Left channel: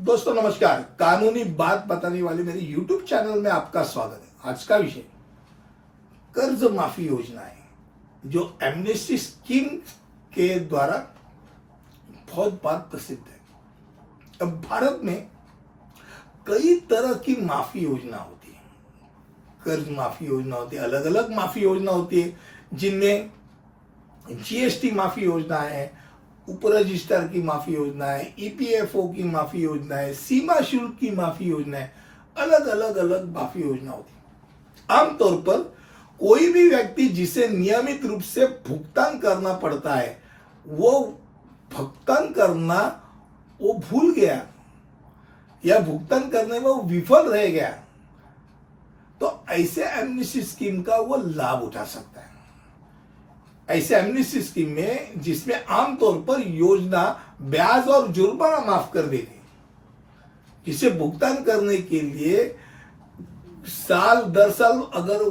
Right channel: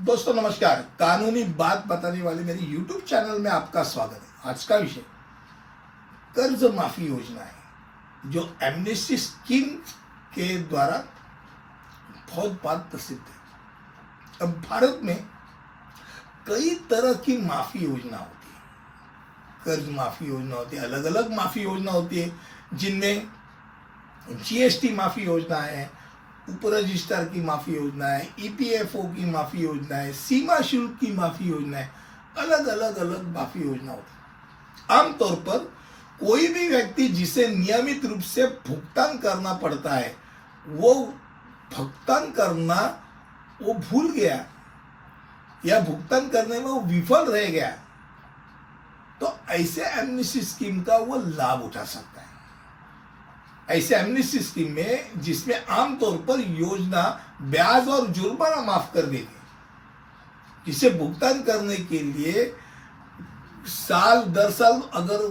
दोस्तों नमस्कार। कानूनी बात बताने वाले मेरे YouTube चैनल में आपका स्वागत है। आज का विषय कर्ज माफी योजना है जो एमनेस्टी स्कीम के द्वारा बहुत बार प्रसिद्ध है। अब भारत में कई तरह की माफी योजना होती है। कर्ज माफी योजना होती है, अलग अलग माफी योजना होती है, जिनमें जीएसटी माफी योजना है, उप रजिस्ट्रार की माफी योजना है, ईपीएफओ की माफी योजना है, सीमा शुल्क की माफी योजना है। अलग अलग माफी योजना होती है। आमतौर पर कोई भी व्यक्ति जिसे नियमित रूप से भुगतान करना पड़ता है, वो भुगतान करना वो भूल गया या भुगतान करने में वो विफल रह गया, तो ऐसे एमनेस्टी स्कीम का वो लाभ उठा सकता है। ऐसे एमनेस्टी स्कीम में जिसमें आमतौर पर योजना ब्याज और जुर्माना माफ कर देती है, जिसे भुगतान करने के लिए साल दर साल अगर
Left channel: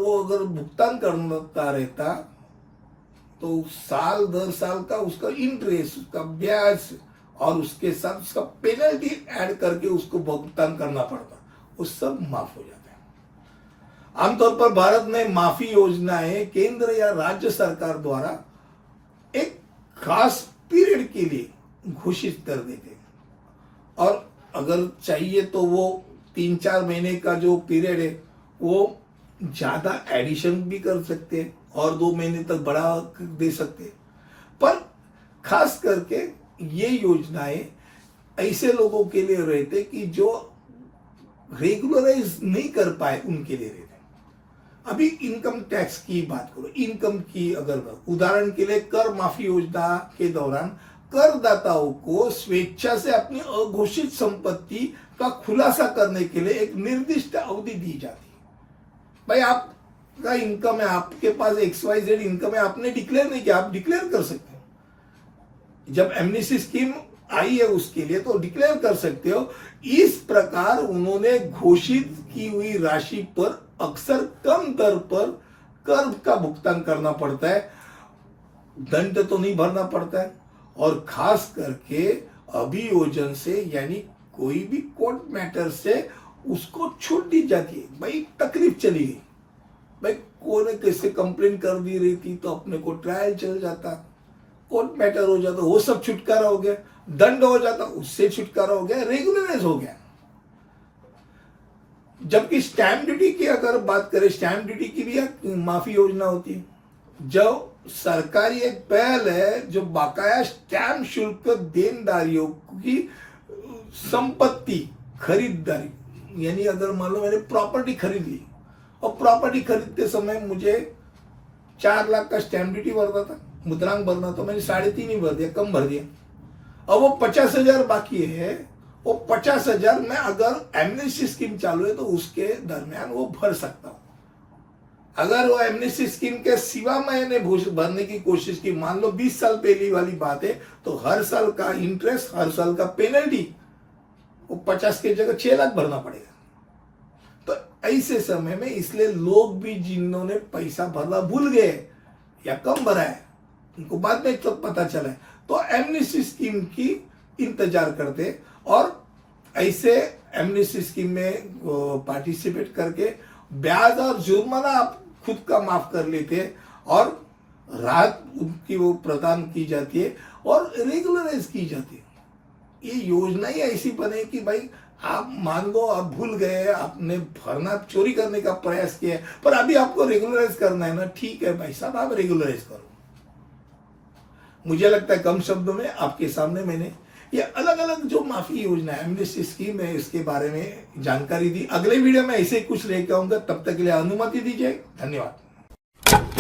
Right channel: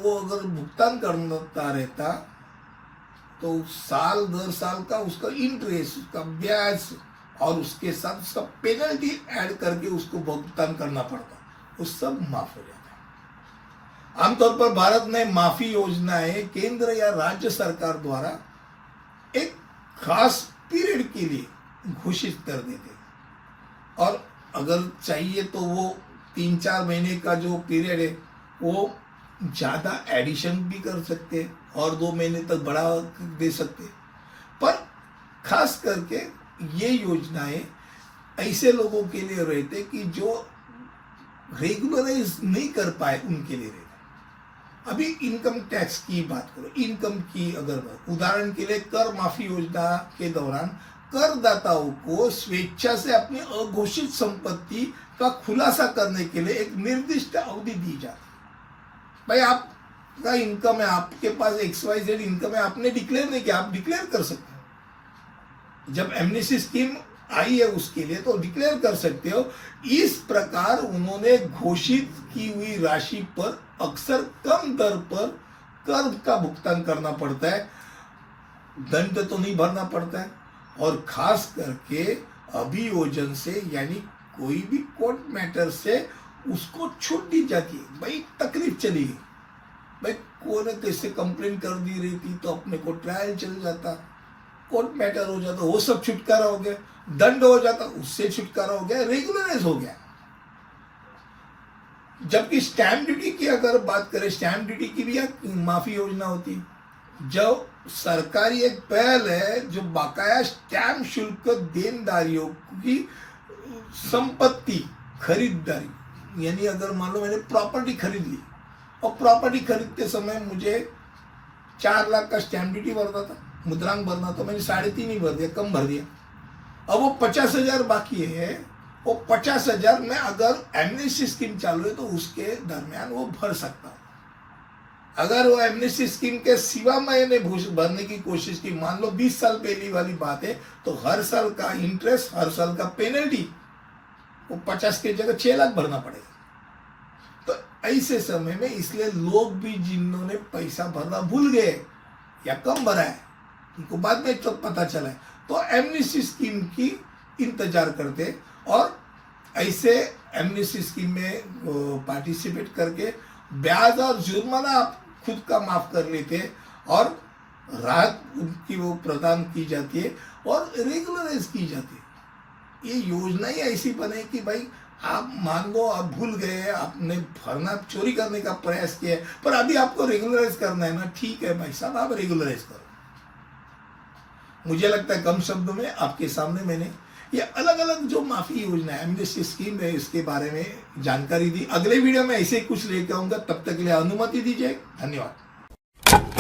भुगतान करता रहता तो साल दर साल का उसका इंटरेस्ट, उसका ब्याज और उसके साथ उसका पेनल्टी ऐड करके उसको भुगतान करना पड़ता, वो सब माफ हो जाता है। आमतौर पर भारत में माफी योजनाएं केंद्र या राज्य सरकार द्वारा एक खास पीरियड के लिए घोषित कर देते, और अगर चाहिए तो वो 3-4 महीने का जो पीरियड है वो ज्यादा एडिशन भी कर सकते हैं और 2 महीने तक बढ़ा दे सकते हैं। पर खास करके ये योजनाएं ऐसे लोगों के लिए रहते कि जो रेगुलराइज नहीं कर पाए, उनके लिए रहते। अभी इनकम टैक्स की बात करो, इनकम की अगर उदाहरण के लिए कर माफी योजना के दौरान करदाताओं को स्वेच्छा से अपनी अघोषित संपत्ति का खुलासा करने के लिए एक निर्दिष्ट अवधि दी जाती है। भाई आपका इनकम है, आपके पास XYZ इनकम है, आपने डिक्लेयर नहीं किया, आप डिक्लेयर कर सकते हो। जब एमनेस्टी स्कीम आई है उसके लिए तो डिक्लेयर कर सकते हो। इस प्रकार उन्होंने घोषित की हुई राशि पर अक्सर कम दर पर कर का भुगतान करना पड़ता है, दंड तो नहीं भरना पड़ता है। और खास करके अभियोजन से यानी कोई भी कोर्ट मैटर से उसको छूट दी जाती है। भाई तकलीफ चली गई, भाई कोई ने कैसे कंप्लेन कर दी रही थी तो अपने को ट्रायल चल जाता, कोर्ट मैटर हो जाता, वो सब छुटकारा हो गया, दंड हो जाता, उससे छुटकारा हो गया, रेगुलराइज हो गया। जबकि स्टैंप ड्यूटी की अगर बात करें, स्टैंप ड्यूटी की भी एक माफी योजना होती है। जो सरकारी एक पहल है जो बाकाया स्टैंप शुल्क देनदारियों की संपत्ति खरीदारी, यानी अगर मान लो मैंने प्रॉपर्टी खरीद ली और प्रॉपर्टी खरीदते समय मुझे 4 लाख का स्टैंप ड्यूटी भरना था, मुद्रांक भरना, तो मैंने 3.5 ही भर दिया, कम भर दिया। अब वो 50,000 बाकी है, वो 50,000 में अगर एमनेस्टी स्कीम चालू है तो उसके दरमियान वो भर सकता हूं। अगर वो एमनेस्टी स्कीम के सिवा मैंने भरने की कोशिश की, मान लो 20 साल पहली वाली बात है, तो हर साल का इंटरेस्ट, हर साल का पेनल्टी, वो 50 की जगह 6 लाख भरना पड़ेगा। तो ऐसे समय में इसलिए लोग भी जिन्होंने पैसा भरना भूल गए या कम भरा है, उनको बाद में तो पता चला है, तो एमनेस्टी स्कीम की इंतजार करते और ऐसे एमनेस्टी स्कीम में पार्टिसिपेट करके ब्याज और जुर्माना आप खुद का माफ कर लेते और राहत उनकी वो प्रदान की जाती है और रेगुलराइज की जाती है। ये योजना ही ऐसी बने कि भाई आप मान लो आप भूल गए, आपने भरना चोरी करने का प्रयास किया है, पर अभी आपको रेगुलराइज करना है ना, ठीक है भाई साहब, आप रेगुलराइज करो। मुझे लगता है कम शब्दों में आपके सामने मैंने ये अलग अलग जो माफी योजना है, एमनेस्टी स्कीम है, इसके बारे में जानकारी दी। अगले वीडियो में ऐसे ही कुछ लेकर आऊंगा, तब तक के लिए अनुमति दीजिए। धन्यवाद।